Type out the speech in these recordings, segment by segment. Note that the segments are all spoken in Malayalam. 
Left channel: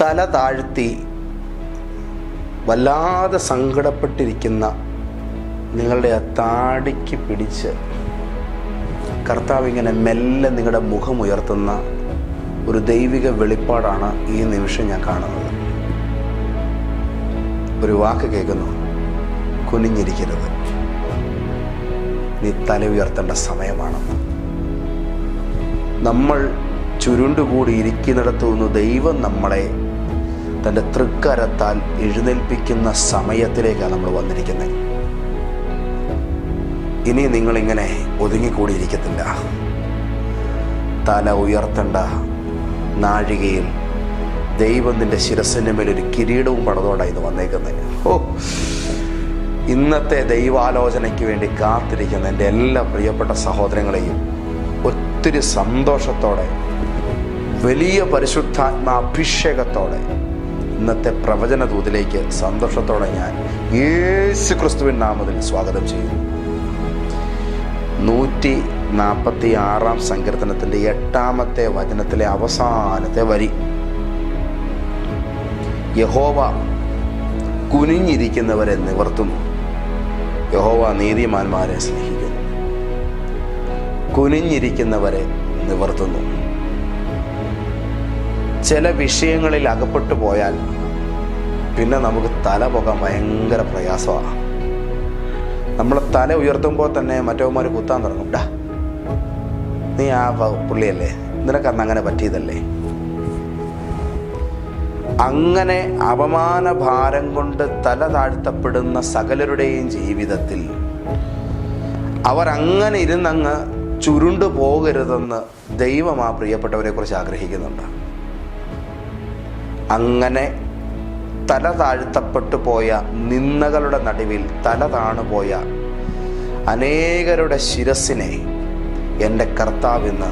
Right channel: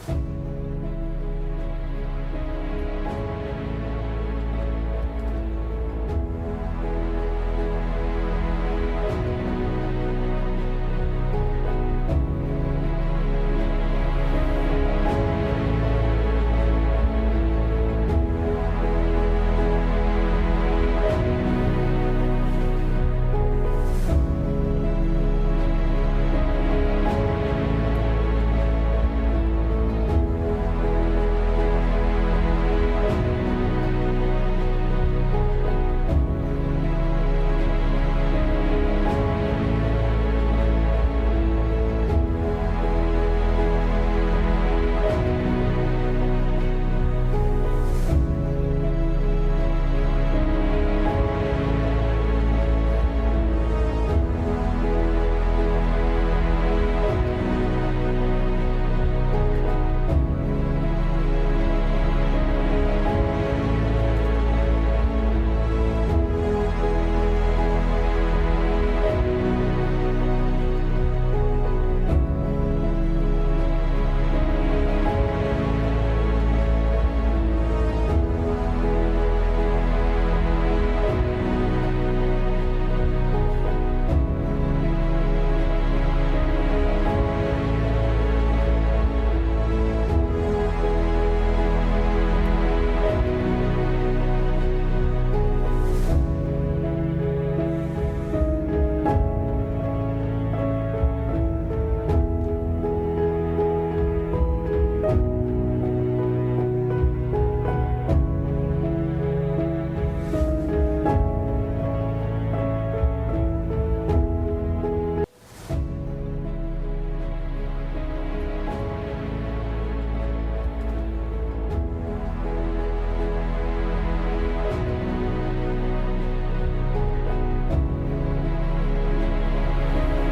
തല താഴ്ത്തി വല്ലാതെ സങ്കടപ്പെട്ടിരിക്കുന്ന നിങ്ങളുടെ ആ താടിക്ക് പിടിച്ച് കർത്താവ് ഇങ്ങനെ മെല്ലെ നിങ്ങളുടെ മുഖമുയർത്തുന്ന ഒരു ദൈവിക വെളിപ്പാടാണ് ഈ നിമിഷം ഞാൻ കാണുന്നത്. ഒരു വാക്ക് കേൾക്കുന്നു. കുനിഞ്ഞിരിക്കരുത് നീ തല ഉയർത്തേണ്ട സമയമാണ്. നമ്മൾ ചുരുണ്ടുകൂടി ഇരിക്കുന്നിടത്തു നിന്ന് ദൈവം നമ്മളെ തന്റെ തൃക്കരത്താൽ എഴുന്നേൽപ്പിക്കുന്ന സമയത്തിലേക്കാണ് നമ്മൾ വന്നിരിക്കുന്നത്. ഇനി നിങ്ങളിങ്ങനെ ഒതുങ്ങിക്കൂടിയിരിക്കത്തില്ല. തല ഉയർത്തേണ്ട നാഴികയിൽ ദൈവം നിന്റെ ശിരസിന്റെ മേൽ ഒരു കിരീടവും പടതോടായി ഇത് വന്നേക്കുന്നത്. ഓ ഇന്നത്തെ ദൈവാലോചനയ്ക്ക് വേണ്ടി കാത്തിരിക്കുന്ന എന്റെ എല്ലാ പ്രിയപ്പെട്ട സഹോദരങ്ങളെയും ഒത്തിരി സന്തോഷത്തോടെ വലിയ പരിശുദ്ധാത്മാഭിഷേകത്തോടെ അഭിഷേകത്തോടെ ഇന്നത്തെ പ്രവചന ദൂതിലേക്ക് സന്തോഷത്തോടെ ഞാൻ യേശു ക്രിസ്തുവിൻ നാമത്തിൽ സ്വാഗതം ചെയ്യുന്നു. നൂറ്റി നാൽപ്പത്തി ആറാം സങ്കീർത്തനത്തിന്റെ എട്ടാമത്തെ വചനത്തിലെ അവസാനത്തെ വരി. യഹോവ കുനിഞ്ഞിരിക്കുന്നവരെ നിവർത്തുന്നു. യഹോവ നീതിമാന്മാരെ സ്നേഹിക്കുന്നു. കുനിഞ്ഞിരിക്കുന്നവരെ നിവർത്തുന്നു. ചില വിഷയങ്ങളിൽ അകപ്പെട്ടു പോയാൽ പിന്നെ നമുക്ക് തല പോകാൻ ഭയങ്കര പ്രയാസമാണ്. നമ്മൾ തല ഉയർത്തുമ്പോൾ തന്നെ മറ്റവന്മാർ കുത്താൻ തുടങ്ങും. നീ ആ പുള്ളിയല്ലേ? നിനക്കന്ന് അങ്ങനെ പറ്റിയതല്ലേ? അങ്ങനെ അപമാന ഭാരം കൊണ്ട് തല താഴ്ത്തപ്പെടുന്ന സകലരുടെയും ജീവിതത്തിൽ അവർ അങ്ങനെ ഇരുന്നങ്ങ് ചുരുണ്ടു പോകരുതെന്ന് ദൈവം ആ പ്രിയപ്പെട്ടവരെ കുറിച്ച് ആഗ്രഹിക്കുന്നുണ്ട്. അങ്ങനെ തല താഴ്ത്തപ്പെട്ടു പോയ നിന്ദകളുടെ നടുവിൽ തല താണുപോയ അനേകരുടെ ശിരസിനെ എന്റെ കർത്താവിന്ന്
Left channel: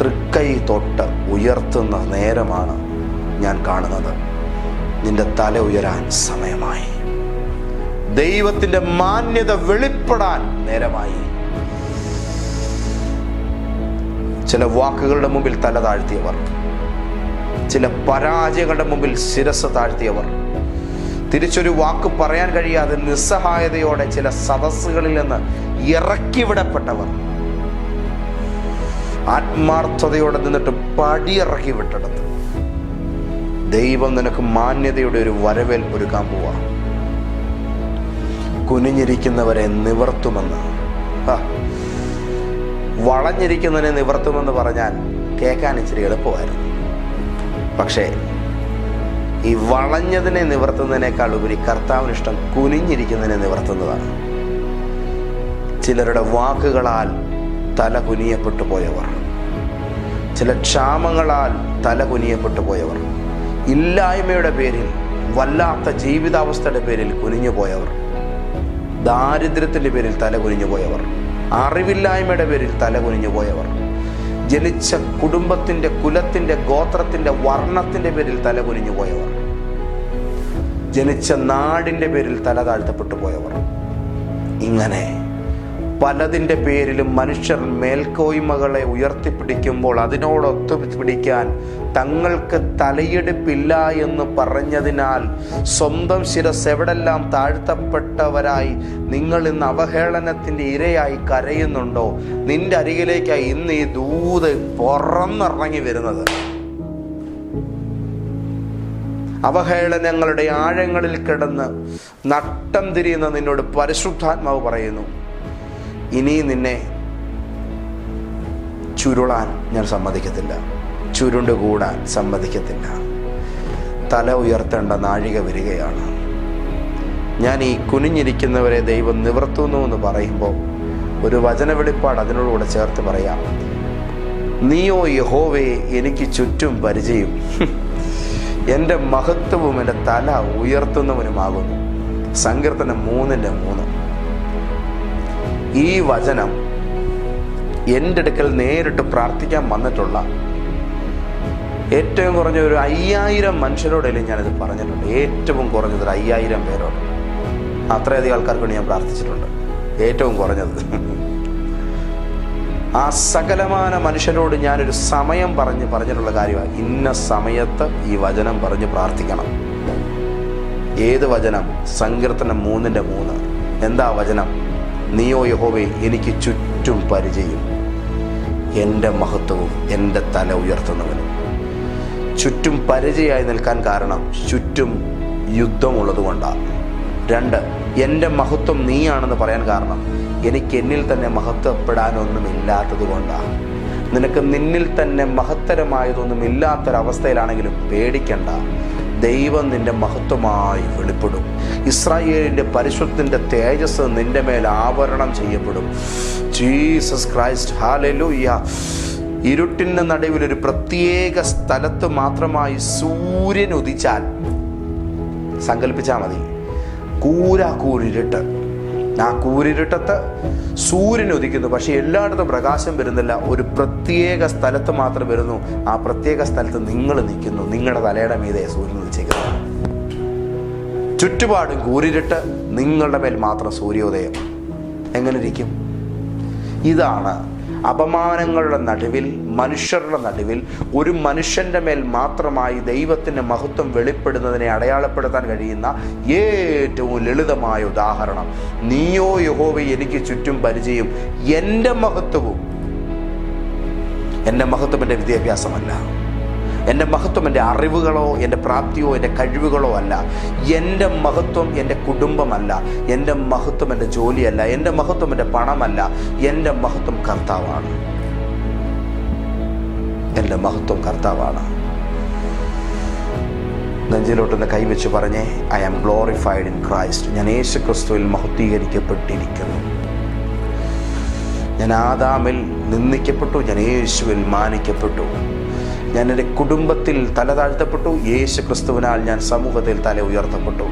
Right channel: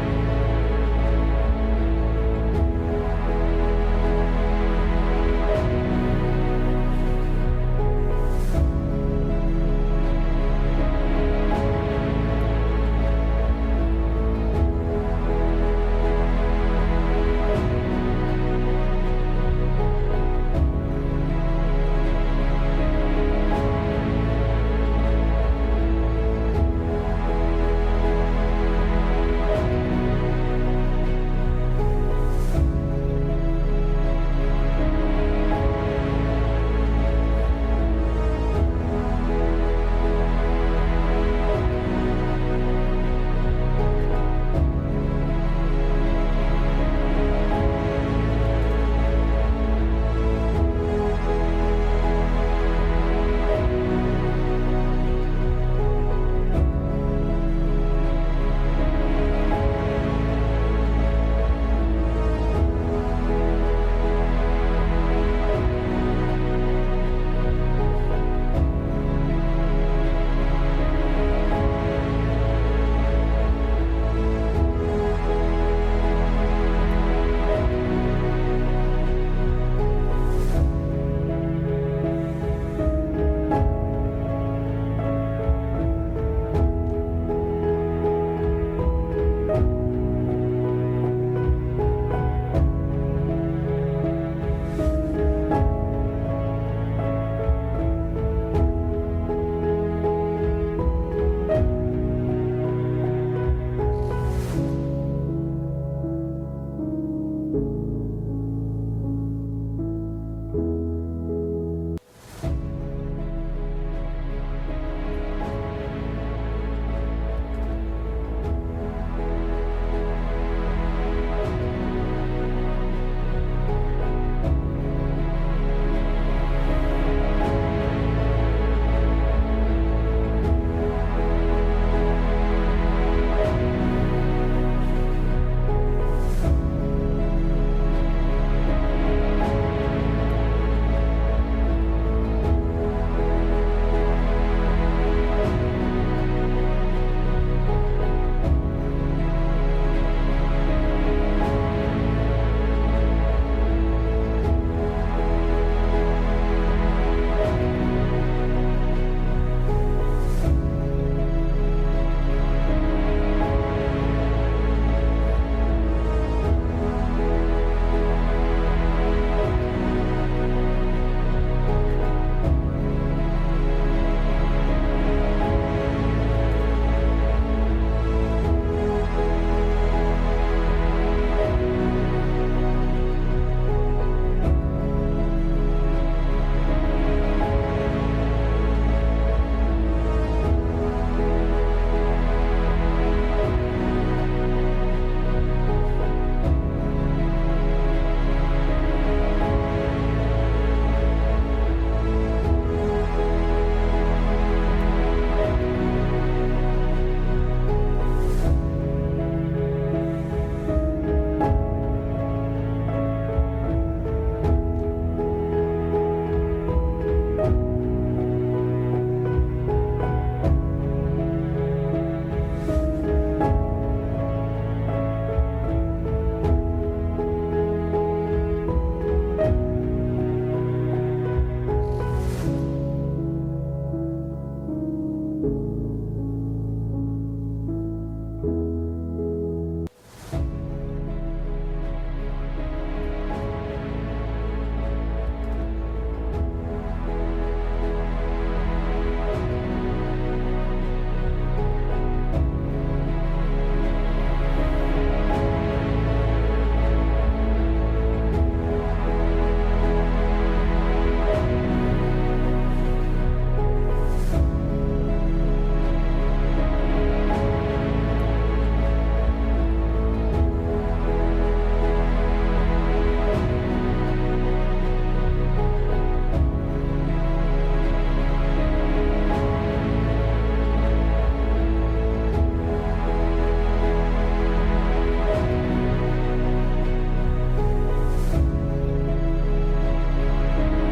തൃക്കൈ തൊട്ട് ഉയർത്തുന്ന നേരമാണ് ഞാൻ കാണുന്നത്. നിന്റെ തല ഉയരാൻ സമയമായി. ദൈവത്തിന്റെ മാന്യത വെളിപ്പെടാൻ നേരമായി. ചില വാക്കുകളുടെ മുമ്പിൽ തല താഴ്ത്തിയവർ ചില പരാജയങ്ങളുടെ മുമ്പിൽ ശിരസ് താഴ്ത്തിയവർ. തിരിച്ചൊരു വാക്ക് പറയാൻ കഴിയാതെ നിസ്സഹായതയോടെ ചില സദസ്സുകളിൽ നിന്ന് ഇറക്കിവിടപ്പെട്ടവർ ആത്മാർത്ഥതയോടെ നിന്നിട്ട് പടിയിറക്കി വിട്ടെടുത്തു. ദൈവം നിനക്ക് മാന്യതയുടെ ഒരു വരവേൽപ്പ് ഒരുക്കാൻ പോവാ. കുനിഞ്ഞിരിക്കുന്നവരെ നിവർത്തുമെന്ന്. വളഞ്ഞിരിക്കുന്നതിനെ നിവർത്തുമെന്ന് പറഞ്ഞാൽ കേൾക്കാൻ ഇച്ചിരി എളുപ്പമായിരുന്നു. പക്ഷേ ഈ വളഞ്ഞതിനെ നിവർത്തുന്നതിനേക്കാൾ ഉപരി കർത്താവിന് ഇഷ്ടം കുനിഞ്ഞിരിക്കുന്നതിനെ നിവർത്തുന്നതാണ്. ചിലരുടെ വാക്കുകളാൽ തല കുനിയപ്പെട്ടു പോയവർ ചില ക്ഷാമങ്ങളാൽ തല കുനിയപ്പെട്ടു പോയവർ ഇല്ലായ്മയുടെ പേരിൽ വല്ലാത്ത ജീവിതാവസ്ഥയുടെ പേരിൽ കുനിഞ്ഞു പോയവർ ദാരിദ്ര്യത്തിന്റെ പേരിൽ തല കുനിഞ്ഞു പോയവർ അറിവില്ലായ്മയുടെ പേരിൽ തല കുനിഞ്ഞു പോയവർ ജനിച്ച കുടുംബത്തിന്റെ കുലത്തിന്റെ ഗോത്രത്തിന്റെ വർണത്തിന്റെ പേരിൽ തല കുനിഞ്ഞു പോയവർ. ജനിച്ച നാടിന്റെ പേരിൽ തല താഴ്ത്തപ്പെട്ടു പോയവർ. ഇങ്ങനെ പലതിന്റെ പേരിലും മനുഷ്യർ മേൽക്കോയ്മകളെ ഉയർത്തിപ്പിടിക്കുമ്പോൾ അതിനോടൊത്തു പിടിക്കാൻ തങ്ങൾക്ക് തലയെടുപ്പില്ല എന്ന് പറഞ്ഞതിനാൽ സ്വന്തം ശിരസ് എവിടെല്ലാം താഴ്ത്തപ്പെട്ടവരായി നിങ്ങൾ ഇന്ന് അവഹേളനത്തിന്റെ ഇരയായി കരയുന്നുണ്ടോ? നിന്റെ അരികിലേക്കായി ഇന്ന് ഈ ദൂത് പുറന്നിറങ്ങി വരുന്നത്. അവഹേളനങ്ങളുടെ ആഴങ്ങളിൽ കിടന്ന് നട്ടം തിരിയുന്ന നിന്നോട് പരിശുദ്ധാത്മാവ് പറയുന്നു. ഇനി നിന്നെ ചുരുളാൻ ഞാൻ സമ്മതിക്കത്തില്ല. ചുരുണ്ട് കൂടാൻ സമ്മതിക്കത്തില്ല. തല ഉയർത്തേണ്ട നാഴിക വരികയാണ്. ഞാൻ ഈ കുനിഞ്ഞിരിക്കുന്നവരെ ദൈവം നിവർത്തുന്നു എന്ന് പറയുമ്പോൾ ഒരു വചന വെളിപ്പാട് അതിനോടുകൂടെ ചേർത്ത് പറയാം. നീയോ യഹോവേ എനിക്ക് ചുറ്റും പരിചയം. എന്റെ മഹത്വവും എന്റെ തല ഉയർത്തുന്നവനുമാകുന്നു. സങ്കീർത്തനം മൂന്നിന്റെ മൂന്ന്. ഈ വചനം എന്റെ അടുക്കൽ നേരിട്ട് പ്രാർത്ഥിക്കാൻ വന്നിട്ടുള്ള ഏറ്റവും കുറഞ്ഞ ഒരു അയ്യായിരം മനുഷ്യരോടല്ലേ ഞാനിത് പറഞ്ഞിട്ടുണ്ട് ഏറ്റവും കുറഞ്ഞത് അയ്യായിരം പേരോട്. അത്രയധികം ആൾക്കാർക്ക് ഞാൻ പ്രാർത്ഥിച്ചിട്ടുണ്ട്. ഏറ്റവും കുറഞ്ഞത്. ആ സകലമാന മനുഷ്യരോട് ഞാനൊരു സമയം പറഞ്ഞ് പറഞ്ഞിട്ടുള്ള കാര്യമാണ്. ഇന്ന സമയത്ത് ഈ വചനം പറഞ്ഞ് പ്രാർത്ഥിക്കണം. ഏത് വചനം? സങ്കീർത്തനം മൂന്നിന്റെ മൂന്ന്. എന്താ വചനം? നീയോ യഹോവേ എനിക്ക് ചുറ്റും പരിചയം. എന്റെ മഹത്വവും എന്റെ തല ഉയർത്തുന്നവനും ചുറ്റും പരിചയമായി നിൽക്കാൻ കാരണം ചുറ്റും യുദ്ധമുള്ളത് കൊണ്ടാണ് രണ്ട് എന്റെ മഹത്വം നീയാണെന്ന് പറയാൻ കാരണം എനിക്ക് എന്നിൽ തന്നെ മഹത്വപ്പെടാനൊന്നും ഇല്ലാത്തത് കൊണ്ടാണ് നിനക്ക് നിന്നിൽ തന്നെ മഹത്തരമായതൊന്നും ഇല്ലാത്തൊരവസ്ഥയിലാണെങ്കിലും പേടിക്കണ്ട. ദൈവം നിന്റെ മഹത്വമായി വെളിപ്പെടും. ഇസ്രായേലിന്റെ പരിശുദ്ധന്റെ തേജസ് നിന്റെ മേൽ ആവരണം ചെയ്യപ്പെടും. ജീസസ് ക്രൈസ്റ്റ് ഹാലലൂയ്യ ഇരുട്ടിന്റെ നടുവിൽ ഒരു പ്രത്യേക സ്ഥലത്ത് മാത്രമായി സൂര്യൻ ഉദിച്ചാൽ സങ്കല്പിച്ചാൽ മതി. കൂര കൂരിരുട്ട്. ആ കൂരിരുട്ടത്ത് സൂര്യൻ ഉദിക്കുന്നു. പക്ഷെ എല്ലായിടത്തും പ്രകാശം വരുന്നില്ല. ഒരു പ്രത്യേക സ്ഥലത്ത് മാത്രം വരുന്നു. ആ പ്രത്യേക സ്ഥലത്ത് നിങ്ങൾ നിൽക്കുന്നു. നിങ്ങളുടെ തലയുടെ മീതെ സൂര്യൻ ചുറ്റുപാടും കൂരിരുട്ട് നിങ്ങളുടെ മേൽ മാത്രം സൂര്യോദയം. എങ്ങനെ ഇരിക്കും ഇതാണ് അപമാനങ്ങളുടെ നടുവിൽ മനുഷ്യരുടെ നടുവിൽ ഒരു മനുഷ്യന്റെ മേൽ മാത്രമായി ദൈവത്തിന്റെ മഹത്വം വെളിപ്പെടുന്നതിനെ അടയാളപ്പെടുത്താൻ കഴിയുന്ന ഏറ്റവും ലളിതമായ ഉദാഹരണം. നീയോ യഹോവി എനിക്ക് ചുറ്റും പരിചയം. എന്റെ മഹത്വവും. എന്റെ മഹത്വം എന്റെ വിദ്യാഭ്യാസമല്ല. എന്റെ മഹത്വം എന്റെ അറിവുകളോ എന്റെ പ്രാപ്തിയോ എന്റെ കഴിവുകളോ അല്ല. എന്റെ മഹത്വം എന്റെ കുടുംബമല്ല. എന്റെ മഹത്വം എന്റെ ജോലിയല്ല. എന്റെ മഹത്വം എന്റെ പണമല്ല. എന്റെ മഹത്വം കർത്താവാണ്. എന്റെ മഹത്വം കർത്താവാണ്. നെഞ്ചിലോട്ടൊന്ന് കൈവച്ച് പറഞ്ഞേ I am glorified in Christ ഞാൻ യേശു ക്രിസ്തുവിൽ മഹത്വീകരിക്കപ്പെട്ടിരിക്കുന്നു. ഞാൻ ആദാമിൽ നിന്ദിക്കപ്പെട്ടു ഞാൻ യേശുവിൽ മാനിക്കപ്പെട്ടു. ഞാൻ എന്റെ കുടുംബത്തിൽ തല താഴ്ത്തപ്പെട്ടു യേശു ക്രിസ്തുവിനാൽ ഞാൻ സമൂഹത്തിൽ തല ഉയർത്തപ്പെട്ടു.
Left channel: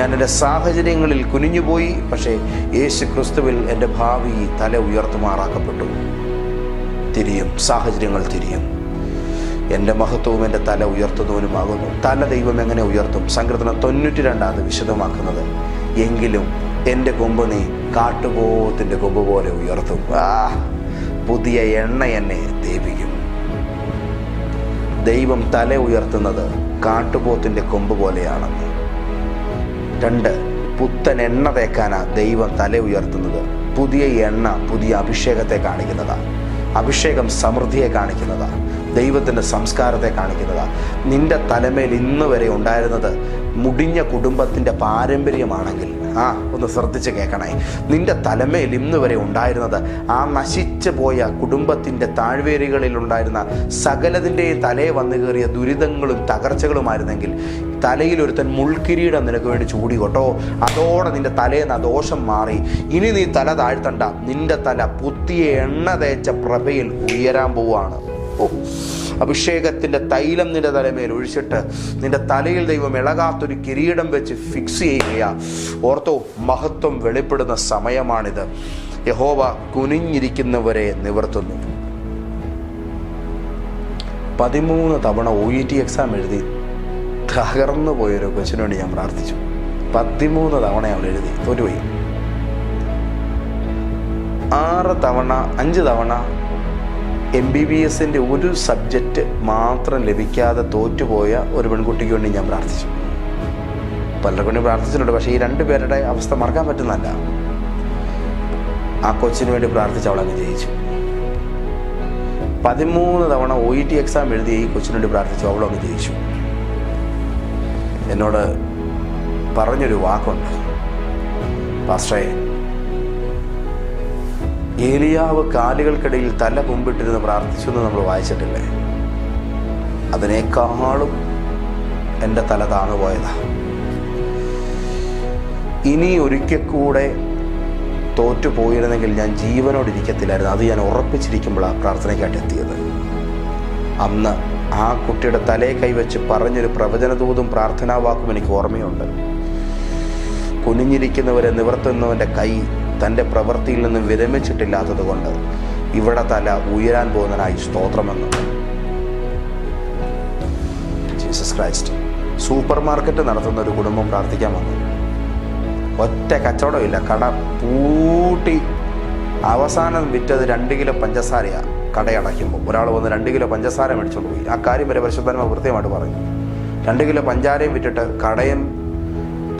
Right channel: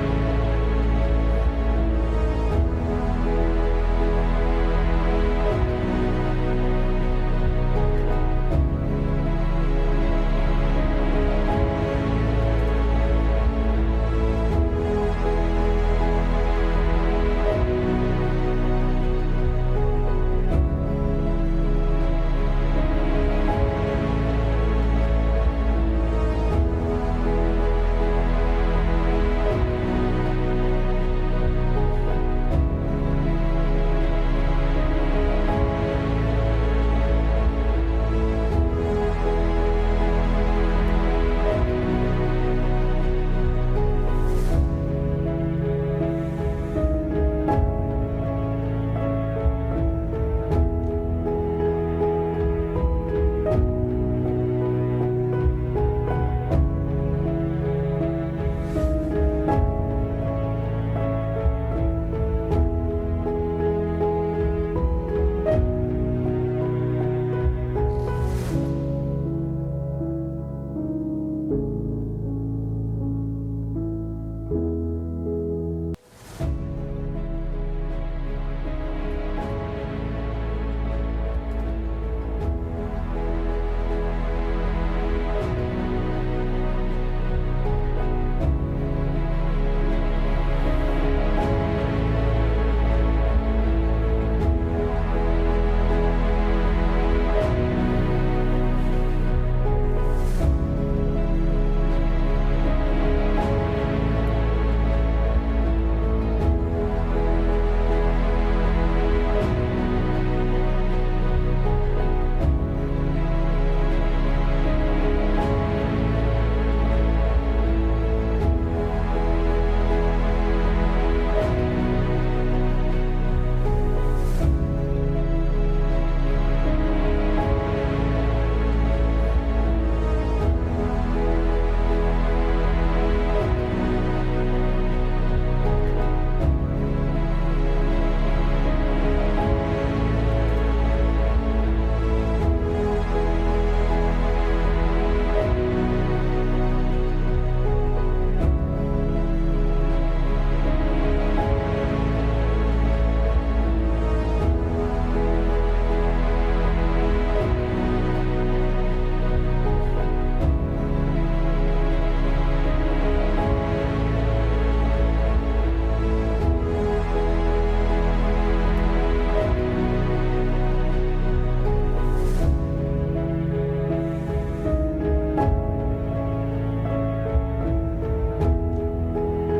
ഞാൻ എന്റെ സാഹചര്യങ്ങളിൽ കുനിഞ്ഞുപോയി പക്ഷേ യേശു ക്രിസ്തുവിൽ എന്റെ ഭാവി തല ഉയർത്തുമാറാക്കപ്പെട്ടു. തിരിയും സാഹചര്യങ്ങൾ തിരിയും. എന്റെ മഹത്വവും എന്റെ തല ഉയർത്തുന്നവനുമാകുന്നു. തല ദൈവം എങ്ങനെ ഉയർത്തും? സങ്കീർത്തനം തൊണ്ണൂറ്റി രണ്ടാണ് വിശദമാക്കുന്നത്. എങ്കിലും എന്റെ കൊമ്പ് നീ കാട്ടുപോത്തിന്റെ കൊമ്പ് പോലെ ഉയർത്തും. പുതിയ എണ്ണ എന്നെ ദീപിക്കും ദൈവം തല ഉയർത്തുന്നത് കാട്ടുപോത്തിന്റെ കൊമ്പ് പോലെയാണെന്ന്. രണ്ട് പുത്തൻ എണ്ണ തേക്കാനാ ദൈവം തല ഉയർത്തുന്നത്. പുതിയ എണ്ണ പുതിയ അഭിഷേകത്തെ കാണിക്കുന്നതാണ് അഭിഷേകം സമൃദ്ധിയെ കാണിക്കുന്നതാണ് ദൈവത്തിന്റെ സംസ്കാരത്തെ കാണിക്കുന്നതാണ് നിന്റെ തലമേൽ ഇന്ന് വരെ ഉണ്ടായിരുന്നത് മുടിഞ്ഞ കുടുംബത്തിന്റെ പാരമ്പര്യമാണെങ്കിൽ ആ ഒന്ന് ശ്രദ്ധിച്ച് കേൾക്കണേ. നിന്റെ തലമേൽ ഇന്ന് വരെ ഉണ്ടായിരുന്നത് ആ നശിച്ചു പോയ കുടുംബത്തിന്റെ താഴ്വേരുകളിൽ ഉണ്ടായിരുന്ന സകലതിന്റെയും തലയെ വന്നു കയറിയ ദുരിതങ്ങളും തകർച്ചകളുമായിരുന്നെങ്കിൽ തലയിൽ ഒരുത്തൻ മുൾക്കിരീടം നിനക്ക് വേണ്ടി ചൂടി കൊട്ടോ അതോടെ നിന്റെ തലേന്ന് ദോഷം മാറി. ഇനി നീ തല താഴ്ത്തണ്ട. നിന്റെ തല പുത്തിയ എണ്ണ തേച്ച പ്രഭയിൽ ഉയരാൻ പോവാണ് ഓ അഭിഷേകത്തിന്റെ തൈലം നിന്റെ തലമേൽ ഒഴിച്ചിട്ട് നിന്റെ തലയിൽ ദൈവം ഇളകാത്തൊരു കിരീടം വെച്ച് ഫിക്സ് ചെയ്യുക ഓർത്തോ മഹത്വം വെളിപ്പെടുന്ന സമയമാണിത്. യഹോവ കുനിഞ്ഞിരിക്കുന്നവരെ നിവർത്തുന്നു. പതിമൂന്ന് തവണ ഒ ഇ ടി എക്സാം എഴുതി. തകർന്നു പോയൊരു കൊച്ചിന് വേണ്ടി ഞാൻ പ്രാർത്ഥിച്ചു. പതിമൂന്ന് തവണ അവൾ എഴുതി. തോറ്റുപോയി ആറ് തവണ അഞ്ച് തവണ എം ബി ബി എസിന്റെ ഒരു സബ്ജക്റ്റ് മാത്രം ലഭിക്കാതെ തോറ്റുപോയ ഒരു പെൺകുട്ടിക്ക് വേണ്ടി ഞാൻ പ്രാർത്ഥിച്ചു. പലരെ വേണ്ടി പ്രാർത്ഥിച്ചിട്ടുണ്ട്. പക്ഷേ ഈ രണ്ട് പേരുടെ അവസ്ഥ മറക്കാൻ പറ്റുന്നല്ല ആ കൊച്ചിന് വേണ്ടി പ്രാർത്ഥിച്ച് അവളെ വിജയിച്ചു പതിമൂന്ന് തവണ ഒ ഇ ടി എക്സാം എഴുതി ഈ കൊച്ചിന് വേണ്ടി പ്രാർത്ഥിച്ചു. അവളെ വിജയിച്ചു എന്നോട് പറഞ്ഞൊരു വാക്കുണ്ട്. പാസ്റ്റേ ഏലിയാവ് കാലുകൾക്കിടയിൽ തല മുമ്പിട്ടിരുന്ന് പ്രാർത്ഥിച്ചു എന്ന് നമ്മൾ വായിച്ചിട്ടില്ലേ? അതിനേക്കാളും എന്റെ തല താണുപോയതാ ഇനി ഒരിക്കൽ കൂടെ തോറ്റു പോയിരുന്നെങ്കിൽ ഞാൻ ജീവനോട് ഇരിക്കത്തില്ലായിരുന്നു. അത് ഞാൻ ഉറപ്പിച്ചിരിക്കുമ്പോഴാണ് പ്രാർത്ഥനയ്ക്കായിട്ട് എത്തിയത്. അന്ന് ആ കുട്ടിയുടെ തലയെ കൈവച്ച് പറഞ്ഞൊരു പ്രവചനദൂതും പ്രാർത്ഥനാവാക്കും എനിക്ക് ഓർമ്മയുണ്ട്. കുനിഞ്ഞിരിക്കുന്നവരെ നിവർത്തുന്നവന്റെ കൈ തന്റെ പ്രവൃത്തിയിൽ നിന്ന് വിരമിച്ചിട്ടില്ലാത്തത് കൊണ്ട് ഇവിടെ തല ഉയരാൻ പോകുന്നതിനായി സ്തോത്രമെന്ന്. ജീസസ് ക്രൈസ്റ്റ് സൂപ്പർ മാർക്കറ്റ് നടത്തുന്ന ഒരു കുടുംബം പ്രാർത്ഥിക്കാൻ വന്നു. ഒറ്റ കച്ചവടമില്ല കട പൂട്ടി. അവസാനം വിറ്റത് രണ്ട് കിലോ പഞ്ചസാരയാണ് കടയടയ്ക്കുമ്പോൾ. ഒരാൾ വന്ന് രണ്ട് കിലോ പഞ്ചസാര മേടിച്ചോണ്ട് പോയി. ആ കാര്യം വരെ പരിശുദ്ധന്മാർ കൃത്യമായിട്ട് പറഞ്ഞു. രണ്ട് കിലോ പഞ്ചാരയും വിറ്റിട്ട് കടയും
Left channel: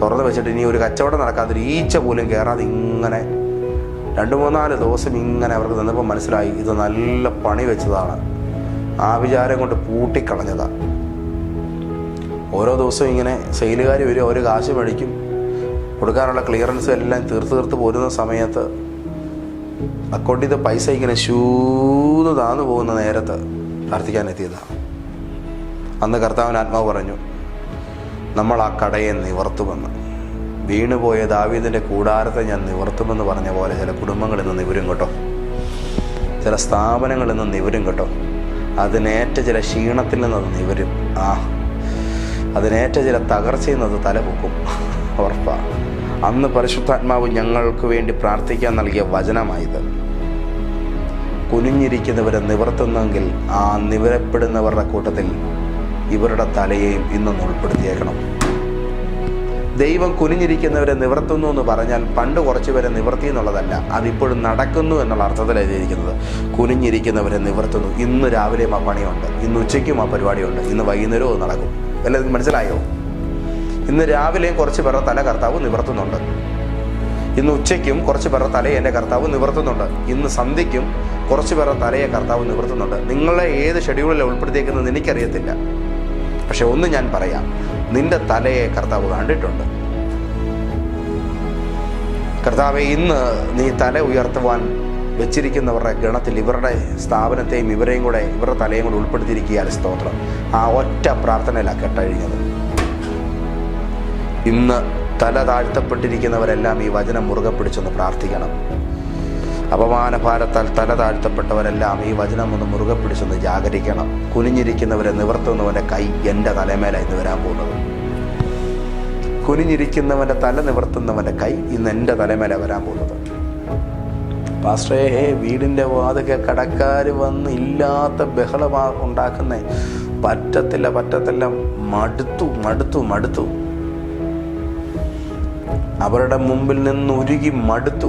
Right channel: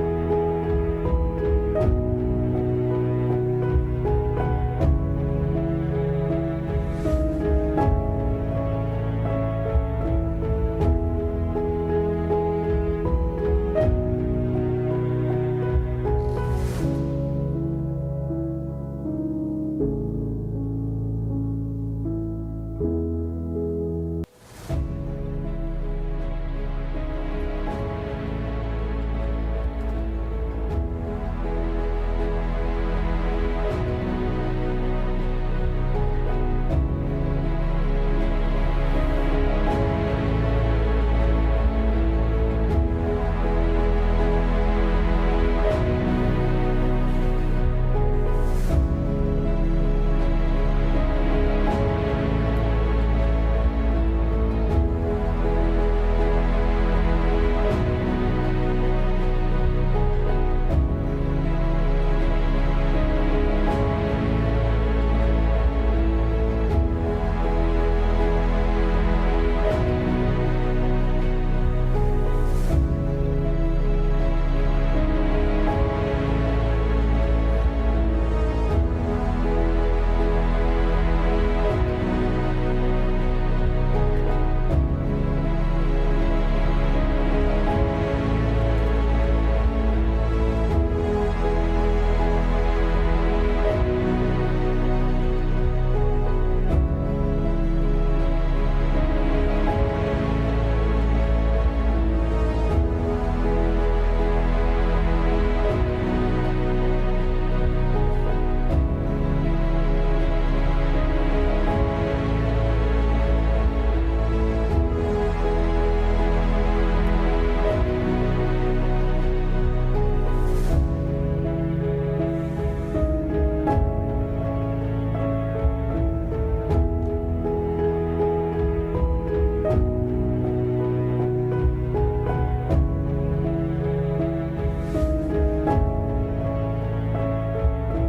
തുറന്നു വെച്ചിട്ട് ഇനി ഒരു കച്ചവടം നടക്കാതെ ഒരു ഈച്ച പോലും കയറാതെ ഇങ്ങനെ രണ്ട് മൂന്നാൽ ദിവസം ഇങ്ങനെ അവർക്ക് നിന്നപ്പോൾ മനസ്സിലായി ഇത് നല്ല പണി വെച്ചതാണ്. ആ വിചാരം കൊണ്ട് പൂട്ടിക്കളഞ്ഞതാണ് ഓരോ ദിവസവും ഇങ്ങനെ സെയിലുകാർ വരും ഒരു കാശ് മേടിക്കും. കൊടുക്കാനുള്ള ക്ലിയറൻസ് എല്ലാം തീർത്ത് തീർത്ത് പോരുന്ന സമയത്ത് അക്കൗണ്ടിൽ നിന്ന് പൈസ ഇങ്ങനെ ശൂന്ന് താന്നു പോകുന്ന നേരത്ത് പ്രാർത്ഥിക്കാൻ എത്തിയതാണ് അന്ന് കർത്താവിന് ആത്മാവ് പറഞ്ഞു നമ്മൾ ആ കടയെ നിവർത്തുമെന്ന്. വീണുപോയ ദാവീദിന്റെ കൂടാരത്തെ ഞാൻ നിവർത്തുമെന്ന് പറഞ്ഞ പോലെ ചില കുടുംബങ്ങളിൽ നിന്ന് ഇവരും കേട്ടോ. ചില സ്ഥാപനങ്ങളിൽ നിന്ന് ഇവരും കേട്ടോ. അതിനേറ്റ ചില ക്ഷീണത്തിൽ നിന്ന് ഇവരും ആ അതിനേറ്റ ചില തകർച്ചയിൽ നിന്ന് തലപൊക്കും ഉറപ്പാണ് അന്ന് പരിശുദ്ധാത്മാവ് ഞങ്ങൾക്ക് വേണ്ടി പ്രാർത്ഥിക്കാൻ നൽകിയ വചനമായത്. കുനിഞ്ഞിരിക്കുന്നവരെ നിവർത്തുന്നെങ്കിൽ ആ നിവരപ്പെടുന്നവരുടെ കൂട്ടത്തിൽ ഇവരുടെ തലയെയും ഇന്നും ഉൾപ്പെടുത്തിയേക്കണം. ദൈവം കുനിഞ്ഞിരിക്കുന്നവരെ നിവർത്തുന്നു എന്ന് പറഞ്ഞാൽ പണ്ട് കുറച്ച് പേരെ നിവർത്തി എന്നുള്ളതല്ല. അതിപ്പോഴും നടക്കുന്നു എന്നുള്ള അർത്ഥത്തിൽ എഴുതിയിരിക്കുന്നത്. കുനിഞ്ഞിരിക്കുന്നവരെ നിവർത്തുന്നു. ഇന്ന് രാവിലെയും ആ പണിയുണ്ട്. ഇന്ന് ഉച്ചയ്ക്കും ആ പരിപാടിയുണ്ട്. ഇന്ന് വൈകുന്നേരവും നടക്കും. അല്ല മനസ്സിലായോ? ഇന്ന് രാവിലെയും കുറച്ച് പേരുടെ തല കർത്താവ് നിവർത്തുന്നുണ്ട്. ഇന്ന് ഉച്ചയ്ക്കും കുറച്ച് പേരുടെ തലയെ എന്റെ കർത്താവ് നിവർത്തുന്നുണ്ട്. ഇന്ന് സന്ധ്യയ്ക്കും കുറച്ച് പേരുടെ തലയെ കർത്താവ് നിവർത്തുന്നുണ്ട്. നിങ്ങളെ ഏത് ഷെഡ്യൂളിൽ ഉൾപ്പെടുത്തിയേക്കുന്നത് എനിക്കറിയത്തില്ല. പക്ഷെ ഒന്ന് ഞാൻ പറയാം. നിന്റെ തലയെ കർത്താവ് കണ്ടിട്ടുണ്ട്. കർത്താവെ ഇന്ന് നീ തല ഉയർത്തുവാൻ വെച്ചിരിക്കുന്നവരുടെ ഗണത്തിൽ ഇവരുടെ സ്ഥാപനത്തെയും ഇവരെയും കൂടെ ഇവരുടെ തലയും കൂടെ ഉൾപ്പെടുത്തിയിരിക്കുകയാണ് സ്തോത്രം. ആ ഒറ്റ പ്രാർത്ഥനയിലാണ് കേട്ടഴിഞ്ഞത്. ഇന്ന് തല താഴ്ത്തപ്പെട്ടിരിക്കുന്നവരെല്ലാം ഈ വചനം മുറുകെ പിടിച്ചൊന്ന് പ്രാർത്ഥിക്കണം. അപമാന ഭാരത്താൽ തല താഴ്ത്തപ്പെട്ടവരെല്ലാം ഈ വചനം ഒന്ന് മുറുകെ പിടിച്ചൊന്ന് ജാഗരിക്കണം. കുനിഞ്ഞിരിക്കുന്നവരെ നിവർത്തുന്നവന്റെ കൈ എന്റെ തലമേല ഇന്ന് വരാൻ പോകുന്നത്. കുനിഞ്ഞിരിക്കുന്നവന്റെ തല നിവർത്തുന്നവന്റെ കൈ ഇന്ന് എന്റെ തലമേല വരാൻ പോകുന്നത് പാസ്റ്ററേ വീടിന്റെ വാതൊക്കെ കടക്കാർ വന്ന് ഇല്ലാത്ത ബഹളമാ ഉണ്ടാക്കുന്നേ. പറ്റത്തില്ല പറ്റത്തില്ല. മടുത്തു മടുത്തു മടുത്തു. അവരുടെ മുമ്പിൽ നിന്ന് ഉരുകി മടുത്തു.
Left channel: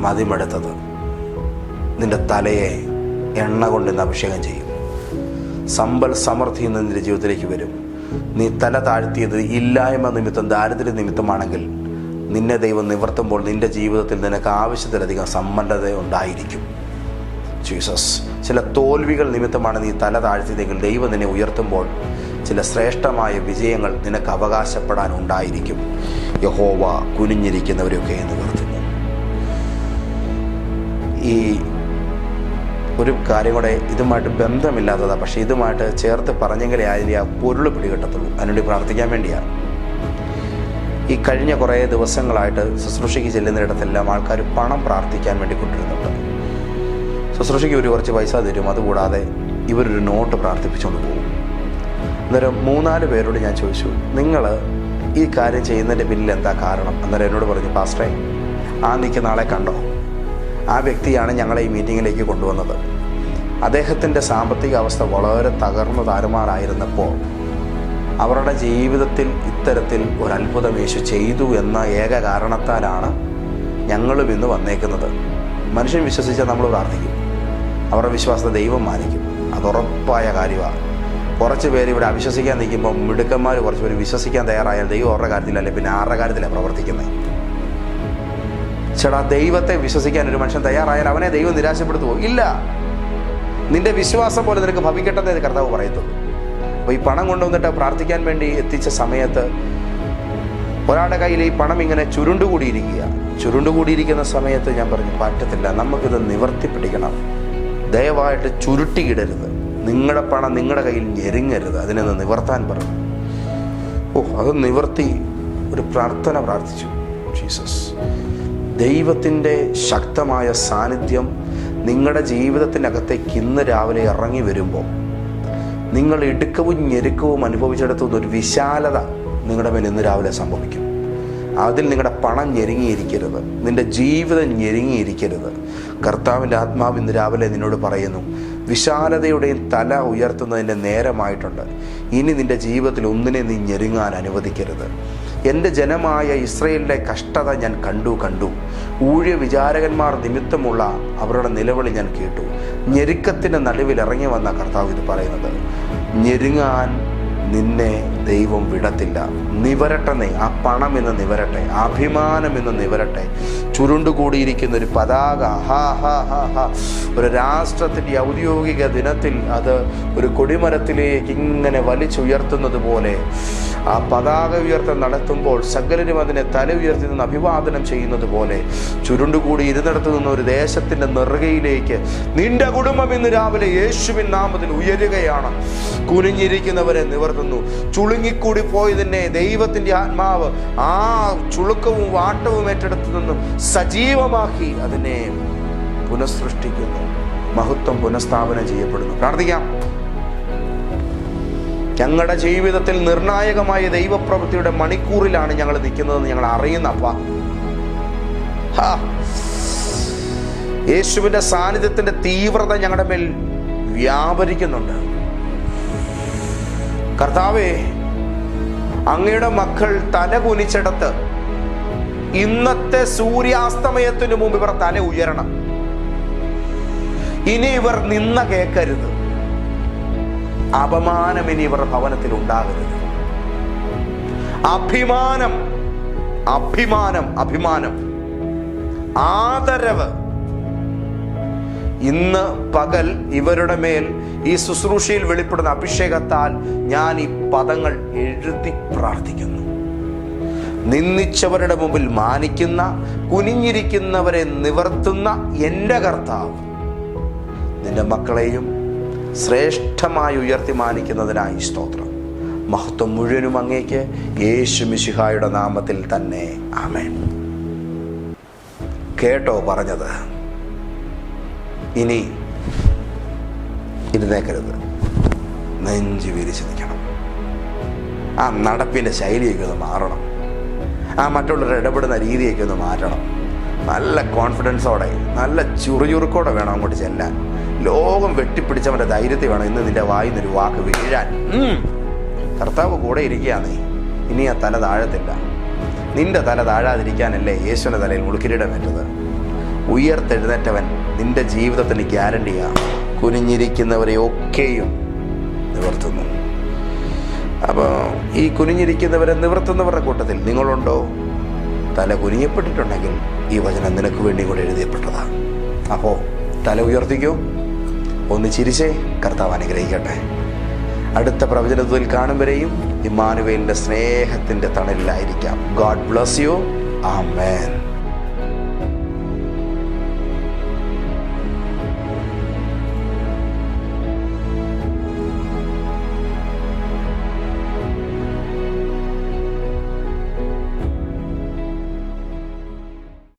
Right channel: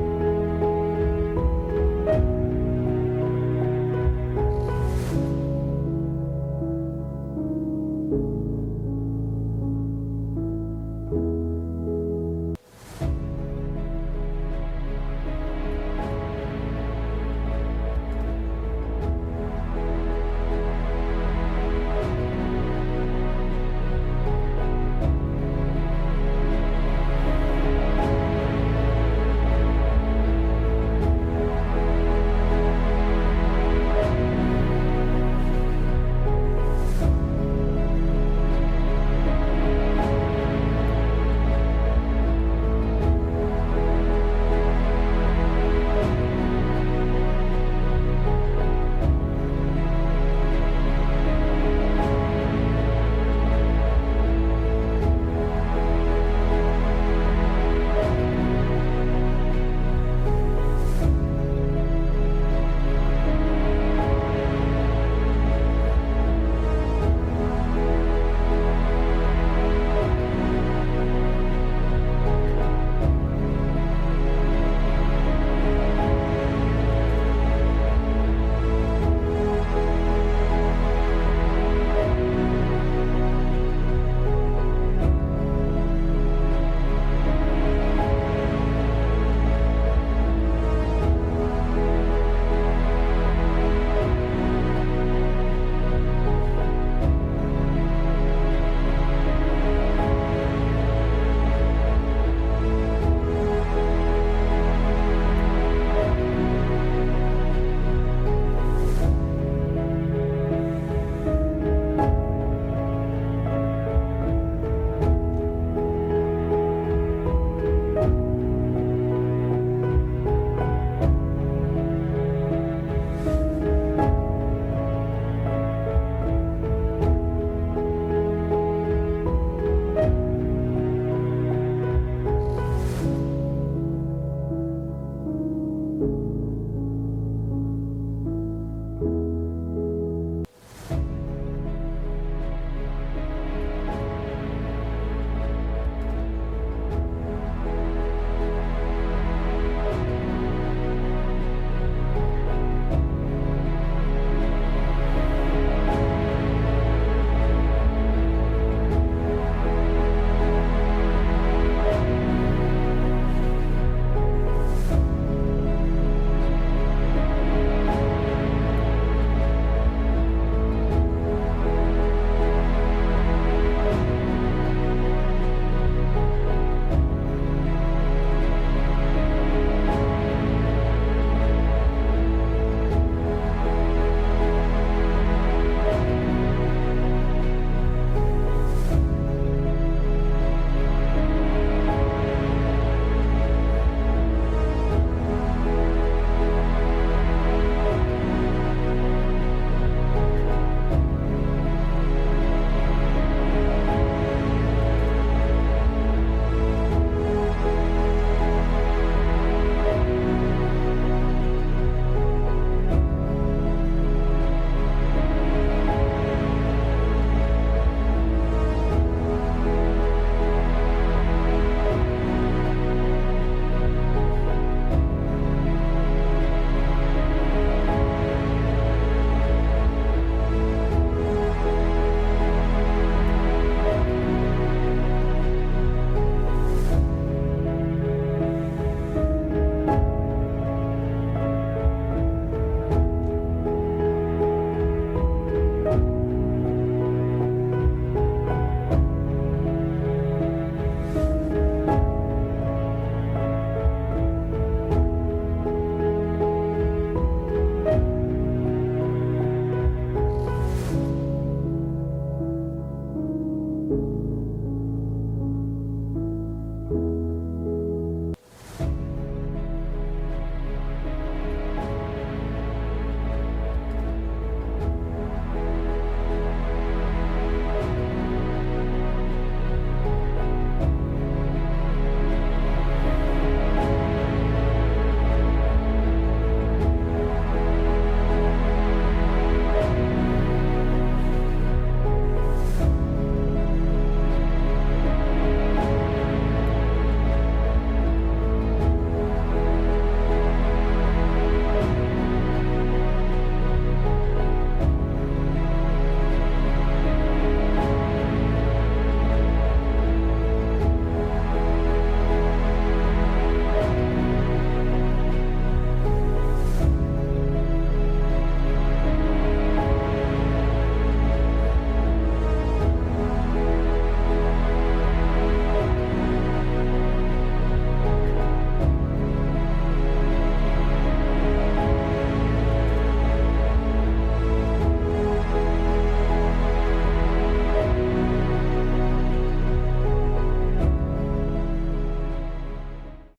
മതിമടുത്തത്. നിന്റെ തലയെ എണ്ണ കൊണ്ട് അഭിഷേകം ചെയ്യും. സമ്പൽ സമൃദ്ധി നിന്റെ ജീവിതത്തിലേക്ക് വരും. നീ തല താഴ്ത്തിയത് ഇല്ലായ്മ നിമിത്തം ദാരിദ്ര്യ നിമിത്തമാണെങ്കിൽ നിന്നെ ദൈവം നിവർത്തുമ്പോൾ നിന്റെ ജീവിതത്തിൽ നിനക്ക് ആവശ്യത്തിലധികം സമ്പന്നത ഉണ്ടായിരിക്കും. ജീസസ് ചില തോൽവികൾ നിമിത്തമാണ് നീ തല താഴ്ത്തിയതെങ്കിൽ ദൈവം നിന്നെ ഉയർത്തുമ്പോൾ ചില ശ്രേഷ്ഠമായ വിജയങ്ങൾ നിനക്ക് അവകാശപ്പെടാൻ ഉണ്ടായിരിക്കും. യഹോവ കുനിഞ്ഞിരിക്കുന്നവരൊക്കെ ഒരു കാര്യം കൂടെ ഇതുമായിട്ട് ബന്ധമില്ലാത്തതാണ് പക്ഷേ ഇതുമായിട്ട് ചേർത്ത് പറഞ്ഞെങ്കിലേ അതിന്റെ ആ പൊരുൾ പിടികിട്ടത്തുള്ളൂ. അതിനുവേണ്ടി പ്രാർത്ഥിക്കാൻ വേണ്ടിയാണ് ഈ കഴിഞ്ഞ കുറേ ദിവസങ്ങളായിട്ട് ശുശ്രൂഷയ്ക്ക് ചെല്ലുന്നിടത്തെല്ലാം ആൾക്കാർ പണം പ്രാർത്ഥിക്കാൻ വേണ്ടി കൊണ്ടിരുന്നുണ്ട്. ശുശ്രൂഷയ്ക്ക് ഒരു കുറച്ച് പൈസ തരും. അതുകൂടാതെ ഇവരൊരു നോട്ട് പ്രാർത്ഥിപ്പിച്ചുകൊണ്ട് അന്നേരം മൂന്നാൽ പേരോട് ഞാൻ ചോദിച്ചു നിങ്ങൾ ഈ കാര്യം ചെയ്യുന്നതിന്റെ പിന്നിൽ എന്താ കാരണം? അന്നേരം എന്നോട് പറഞ്ഞു പാസ്റ്ററെ ആ നിൽക്കുന്ന നാളെ കണ്ടോ? ആ വ്യക്തിയാണ് ഞങ്ങളെ ഈ മീറ്റിങ്ങിലേക്ക് കൊണ്ടുവന്നത്. അദ്ദേഹത്തിന്റെ സാമ്പത്തിക അവസ്ഥ വളരെ തകർന്നു താരുമാറായിരുന്നപ്പോൾ അവരുടെ ജീവിതത്തിൽ ഇത്തരത്തിൽ ഒരു അത്ഭുതം യേശു ചെയ്തു എന്ന ഏക കാരണത്താലാണ് ഞങ്ങളും ഇന്ന് വന്നേക്കുന്നത്. മനുഷ്യൻ വിശ്വസിച്ചാൽ നമ്മൾ പ്രാർത്ഥിക്കും. അവരുടെ വിശ്വാസത്തെ ദൈവം മാനിക്കും. അത് ഉറപ്പായ കാര്യമാണ്. കുറച്ച് പേര് ഇവിടെ അവിശ്വസിക്കാൻ നിൽക്കുമ്പോൾ മിടുക്കന്മാർ കുറച്ച് പേര് വിശ്വസിക്കാൻ തയ്യാറായാൽ ദൈവം അവരുടെ കാര്യത്തിലല്ലേ പിന്നെ ആരുടെ കാര്യത്തിലാണ് പ്രവർത്തിക്കുന്നത്? ചേട്ടാ ദൈവത്തെ വിശ്വസിക്കാൻ ഒരു മനുഷ്യൻ തയ്യാറായാൽ അവനെ ദൈവം നിരാശപ്പെടുത്തുമോ ഇല്ല. നിന്റെ വിശ്വാസം പോലെ നിനക്ക് ഭവിക്കട്ടെ എന്ന് കർത്താവ് പറയുന്നു. അപ്പോൾ ഈ പണം കൊണ്ടുവന്നിട്ട് പ്രാർത്ഥിക്കാൻ വേണ്ടി എത്തിച്ച സമയത്ത് ഒരാളുടെ കയ്യിൽ ഈ പണം ഇങ്ങനെ ചുരുണ്ടുകൂടിയിരിക്കുക. ചുരുണ്ടുകൂടിയിരിക്കുന്ന സമയത്ത് ഞാൻ പറഞ്ഞു പറ്റത്തില്ല നമുക്കിത് നിവർത്തിപ്പിടിക്കണം. ദയവായിട്ട് ചുരുട്ടിയിടരുത്. നിങ്ങളുടെ പണം നിങ്ങളുടെ കയ്യിൽ ഞെരുങ്ങരുത്. അതിനെ നിവർത്താൻ പറഞ്ഞു ഓ അത് നിവർത്തി ഒരു പ്രാർത്ഥന പ്രാർത്ഥിച്ചു. ജീസസ് ദൈവത്തിന്റെ ശക്തമായ സാന്നിധ്യം നിങ്ങളുടെ ജീവിതത്തിനകത്തേക്ക് ഇന്ന് രാവിലെ ഇറങ്ങി വരുമ്പോൾ നിങ്ങൾ ഇടുക്കവും ഞെരുക്കവും അനുഭവിച്ചെടുത്തുന്ന ഒരു വിശാലത നിങ്ങളുടെ മേൽ ഇന്ന് രാവിലെ സംഭവിക്കും. അതിൽ നിങ്ങളുടെ പണം ഞെരുങ്ങിയിരിക്കരുത്. നിന്റെ ജീവിതം ഞെരുങ്ങിയിരിക്കരുത്. കർത്താവിന്റെ ആത്മാവ് ഇന്ന് രാവിലെ നിന്നോട് പറയുന്നു വിശാലതയുടെയും തല ഉയർത്തുന്നതിന്റെ നേരമായിട്ടുണ്ട്. ഇനി നിന്റെ ജീവിതത്തിൽ ഒന്നിനെ നീ ഞെരുങ്ങാൻ അനുവദിക്കരുത്. എന്റെ ജനമായ ഇസ്രയേലിന്റെ കഷ്ടത ഞാൻ കണ്ടു കണ്ടു. ഊഴിയ വിചാരകന്മാർ നിമിത്തമുള്ള അവരുടെ നിലവിളി ഞാൻ കേട്ടു. ഞെരുക്കത്തിന്റെ നടുവിൽ ഇറങ്ങി വന്ന കർത്താവ് ഇത് പറയുന്നത് ഞെരുങ്ങാൻ നിന്നെ ദൈവം വിടത്തില്ല. നിവരട്ടെ നീ. ആ പണം എന്ന് നിവരട്ടെ. അഭിമാനം എന്ന് നിവരട്ടെ. ചുരുണ്ടുകൂടിയിരിക്കുന്ന ഒരു പതാക. ഹാ ഹാ ഹാ ഹാ. ഒരു രാഷ്ട്രത്തിന്റെ ഔദ്യോഗിക ദിനത്തിൽ അത് ഒരു കൊടിമരത്തിലേക്ക് ഇങ്ങനെ വലിച്ചുയർത്തുന്നത് പോലെ ആ പതാക ഉയർത്തം നടത്തുമ്പോൾ സകലരും അതിനെ തല ഉയർത്തി നിന്ന് അഭിവാദനം ചെയ്യുന്നത് പോലെ ചുരുണ്ടുകൂടി ഇരുന്നിടത്തു നിന്ന് ഒരു ദേശത്തിന്റെ നെറുകയിലേക്ക് നിന്റെ കുടുംബം ഇന്ന് രാവിലെ യേശുവിൻ നാമത്തിൽ ഉയരുകയാണ്. കുനിഞ്ഞിരിക്കുന്നവരെ നിവർത്തുന്നു. ചുളുങ്ങിക്കൂടി പോയതിനെ ദൈവത്തിന്റെ ആത്മാവ് ആ ചുളുക്കവും വാട്ടവും ഏറ്റെടുത്തു നിന്നും സജീവമാക്കി അതിനെ പുനഃസൃഷ്ടിക്കുന്നു. മഹത്വം പുനഃസ്ഥാപനം ചെയ്യപ്പെടുന്നു. പ്രാർത്ഥിക്കാം. ഞങ്ങളുടെ ജീവിതത്തിൽ നിർണായകമായ ദൈവപ്രവൃത്തിയുടെ മണിക്കൂറിലാണ് ഞങ്ങൾ നിൽക്കുന്നതെന്ന് ഞങ്ങൾ അറിയുന്ന അപ്പ. യേശുവിന്റെ സാന്നിധ്യത്തിന്റെ തീവ്രത ഞങ്ങളുടെ മേൽ വ്യാപരിക്കുന്നുണ്ട്. കർത്താവേ അങ്ങയുടെ മക്കൾ തല കുനിച്ചെടുത്ത് ഇന്നത്തെ സൂര്യാസ്തമയത്തിനു മുമ്പ് ഇവർ തല ഉയരണം. ഇനി ഇവർ നിന്ന കേൾക്കരുത്. അപമാനം ഇനി ഇവർ ഭവനത്തിൽ ഉണ്ടാകരുത്. അഭിമാനം അഭിമാനം അഭിമാനം. ആദരവ്. ഇന്ന് പകൽ ഇവരുടെ മേൽ ഈ ശുശ്രൂഷയിൽ വെളിപ്പെടുന്ന അഭിഷേകത്താൽ ഞാൻ ഈ പദങ്ങൾ എഴുതി പ്രാർത്ഥിക്കുന്നു. നിന്ദിച്ചവരുടെ മുമ്പിൽ മാനിക്കുന്ന കുനിഞ്ഞിരിക്കുന്നവരെ നിവർത്തുന്ന എന്റെ കർത്താവ് നിന്റെ മക്കളെയും ശ്രേഷ്ഠമായി ഉയർത്തി മാനിക്കുന്നതിനായി സ്തോത്രം. മഹത്വം മുഴുവനും അങ്ങേക്ക് യേശു മിശിഹായുടെ നാമത്തിൽ തന്നെ. ആമേൻ. കേട്ടോ പറഞ്ഞത്. ഇനി ഇരുന്നേക്കരുത്. നെഞ്ചു വിരിച്ചു നിൽക്കണം ആ നടപ്പിന്റെ ശൈലിയൊക്കെ ഒന്ന് മാറണം. ആ മറ്റുള്ളവരുടെ ഇടപെടുന്ന രീതിയൊക്കെ ഒന്ന് മാറ്റണം. നല്ല കോൺഫിഡൻസോടെ നല്ല ചുറുചുറുക്കോടെ വേണം അങ്ങോട്ട് ചെല്ലാൻ. ലോകം വെട്ടിപ്പിടിച്ചവന്റെ ധൈര്യത്തിൽ വേണം ഇന്ന് നിന്റെ വായിൽ നിന്നൊരു വാക്ക് വീഴാൻ. കർത്താവ് കൂടെ ഇരിക്കുകയാണ്. ഇനി ആ തല താഴത്തില്ല. നിന്റെ തല താഴാതിരിക്കാനല്ലേ യേശുവിന്റെ തലയിൽ വരുന്നത്? ഉയർത്തെഴുന്നേറ്റവൻ നിന്റെ ജീവിതത്തിന് ഗ്യാരണ്ടിയാണ്. കുനിഞ്ഞിരിക്കുന്നവരെ ഒക്കെയും നിവർത്തുന്നു. അപ്പോൾ ഈ കുനിഞ്ഞിരിക്കുന്നവരെ നിവർത്തുന്നവരുടെ കൂട്ടത്തിൽ നിങ്ങളുണ്ടോ? തല കുനിയപ്പെട്ടിട്ടുണ്ടെങ്കിൽ ഈ വചനം നിനക്ക് വേണ്ടി കൂടെ എഴുതിയപ്പെട്ടതാണ്. അപ്പോൾ തല ഉയർത്തിക്കോ. ഒന്ന് ചിരിച്ചേ കർത്താവ് അനുഗ്രഹിക്കട്ടെ. അടുത്ത പ്രവചനത്തിൽ കാണും വരെയും ഇമ്മാനുവേലിന്റെ സ്നേഹത്തിന്റെ തണലിലായിരിക്കാം. God bless you amen